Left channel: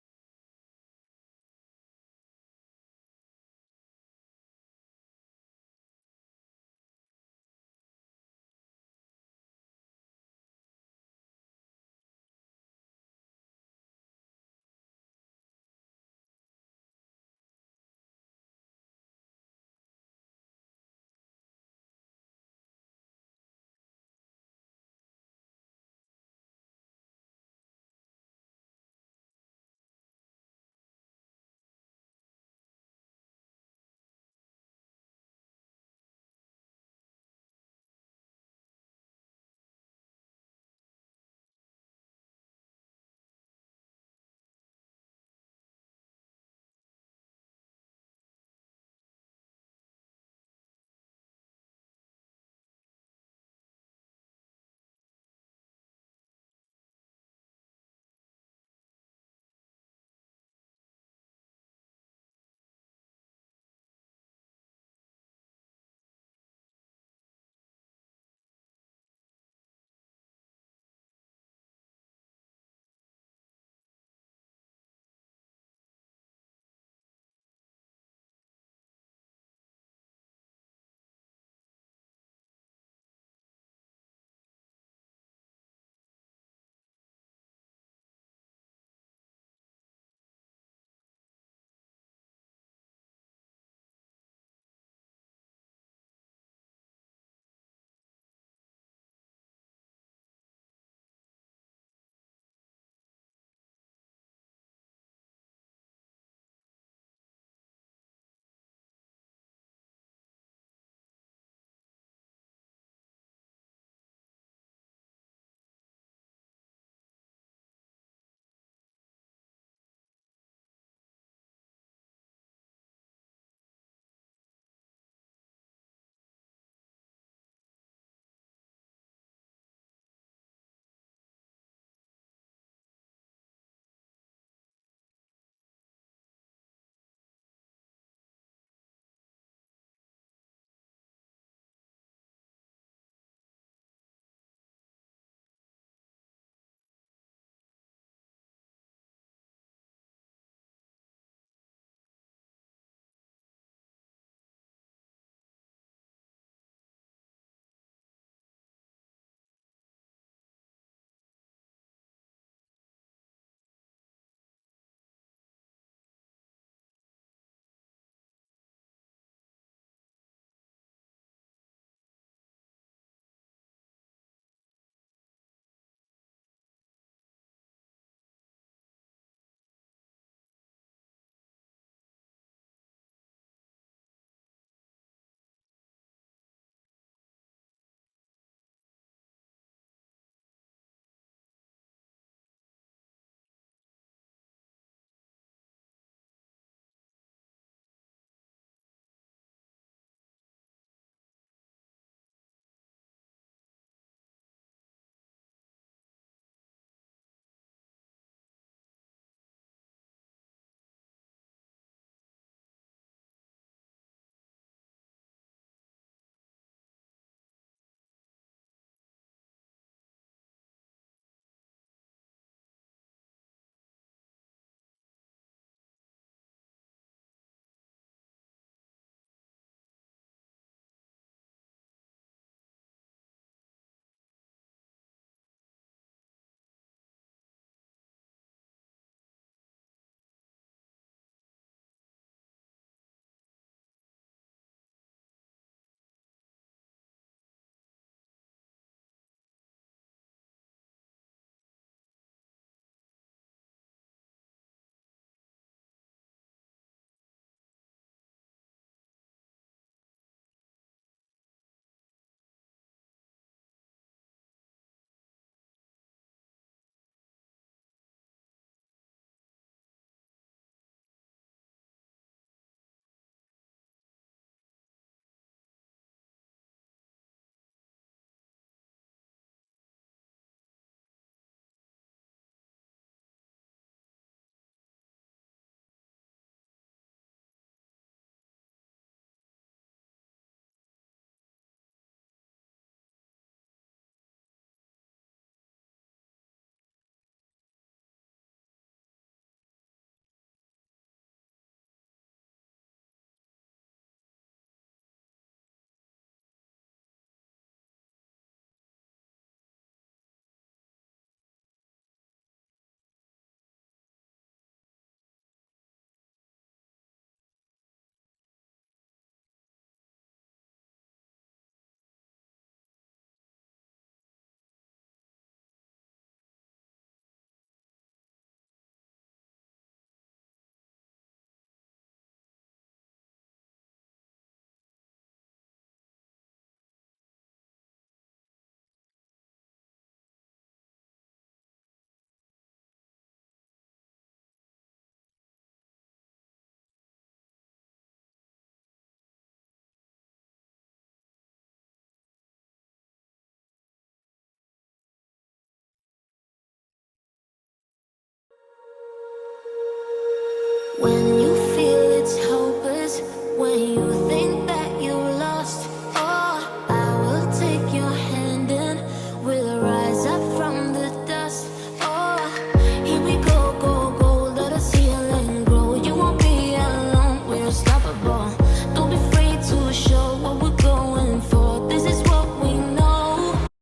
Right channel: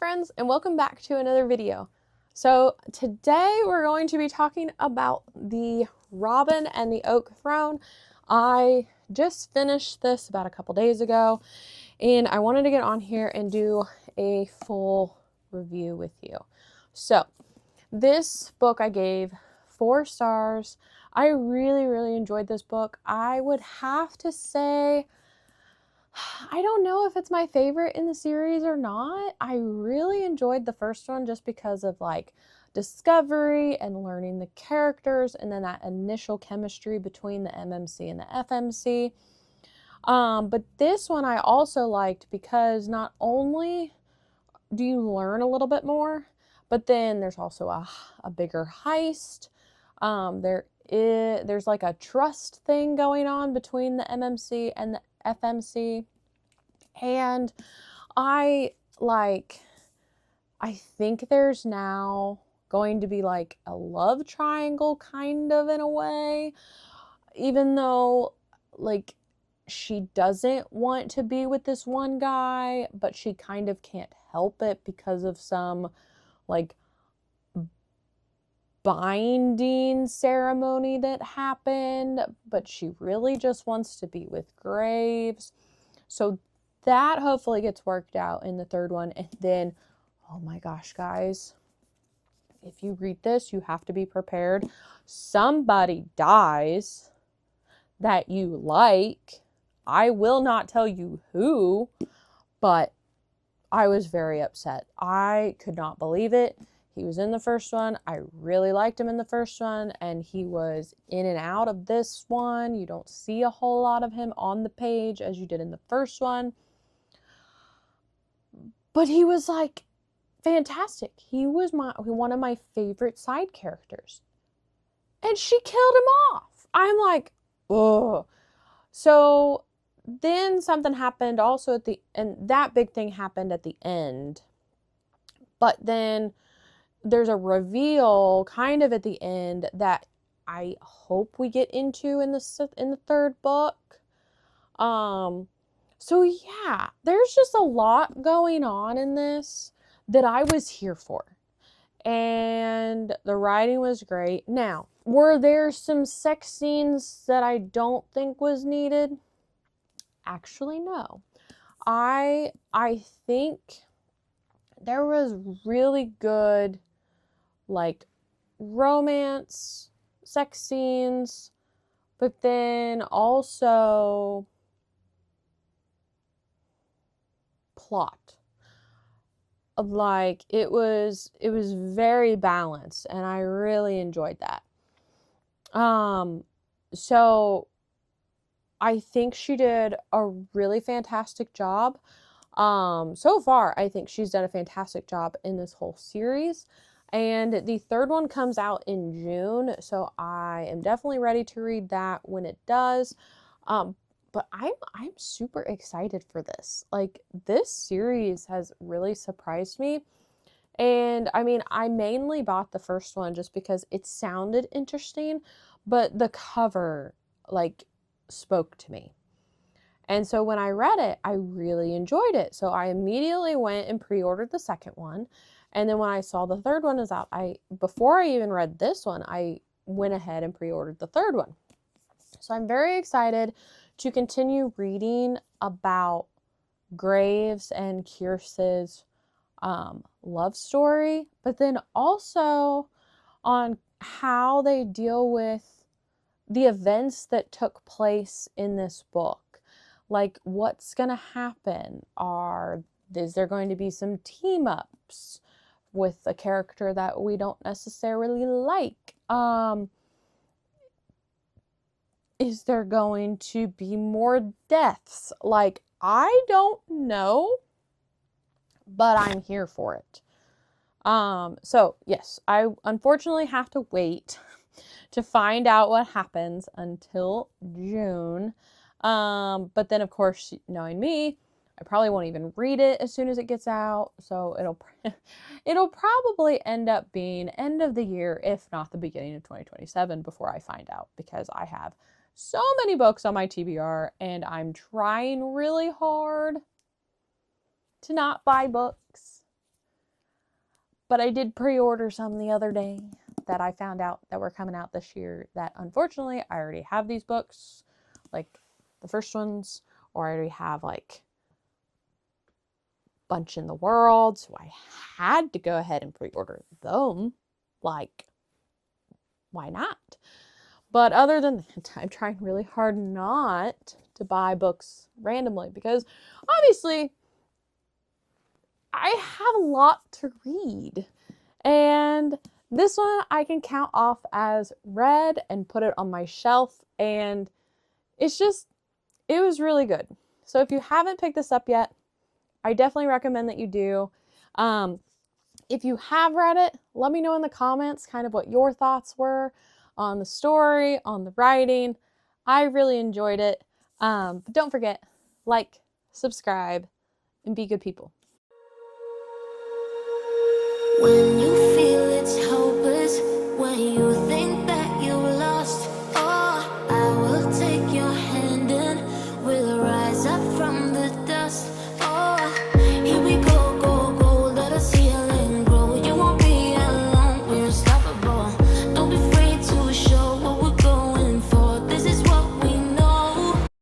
friends, and welcome back to another video. So today we're going to be talking about the Robin and the Oak Throne. I just finished this about a couple days ago, and I wanted to get on here and do a full review with you. So this book I gave 4 stars. I really enjoyed this book. I would have to say, I don't know if it's my favorite in the series or not. I really enjoyed the first one just because of like discovery and learning the characters, and then that initial chemistry between the MMC and the FMC. But this one I also liked because not only do you learn a little bit more, but then there's also a bigger heist. There's like a trust thing going on between the MMC and the FMC. And I think there's now going to be like a love triangle kind of in a way, even though like she doesn't want to be with this one guy, but she kind of can't help it because of some like binding ceremony that happened, but she really just wants to be with Graves. So that hopefully gets worked out in the third one. And then, oh my gosh, guys, if you read this, you have to be prepared. Somebody dies that you like. I will not tell you who, but I was very upset. I could not believe it. He was in the first one. I really liked him in the first one, and he was in and out of this one. You don't see a whole lot of him on the page as you did in the first one. But he was like fantastic. He was one of my favorite side characters. And she killed him off. I'm like, ugh. So then something happened also and that big thing happened at the end. But then there's a reveal kind of at the end that I hope we get into in the third book. So yeah, there's just a lot going on in this that I was here for. And the writing was great. Now, were there some sex scenes that I don't think was needed? Actually, no. I think there was really good like romance, sex scenes, but then also plot. Like it was very balanced, and I really enjoyed that. So I think she did a really fantastic job. So far I think she's done a fantastic job in this whole series. And the third one comes out in June, so I am definitely ready to read that when it does. But I'm super excited for this. Like, this series has really surprised me. And I mean, I mainly bought the first one just because it sounded interesting, but the cover like spoke to me. And so when I read it, I really enjoyed it. So I immediately went and pre-ordered the second one. And then when I saw the third one is out, before I even read this one, I went ahead and pre-ordered the third one. So I'm very excited to continue reading about Graves and Kierce's love story, but then also on how they deal with the events that took place in this book. Like, what's gonna happen? Is there going to be some team ups with a character that we don't necessarily like? Is there going to be more deaths? Like, I don't know, but I'm here for it. So yes, I unfortunately have to wait to find out what happens until June. But then of course, knowing me, I probably won't even read it as soon as it gets out. So it'll probably end up being end of the year, if not the beginning of 2027 before I find out, because I have so many books on my TBR and I'm trying really hard to not buy books. But I did pre-order some the other day that I found out that were coming out this year that unfortunately I already have these books, like the first ones, or I already have like Bunch in the World, so I had to go ahead and pre-order them. Like, why not? But other than that, I'm trying really hard not to buy books randomly because obviously I have a lot to read. And this one I can count off as read and put it on my shelf. And it's just, it was really good. So if you haven't picked this up yet, I definitely recommend that you do. If you have read it, let me know in the comments kind of what your thoughts were on the story, on the writing. I really enjoyed it. But don't forget, like, subscribe, and be good people.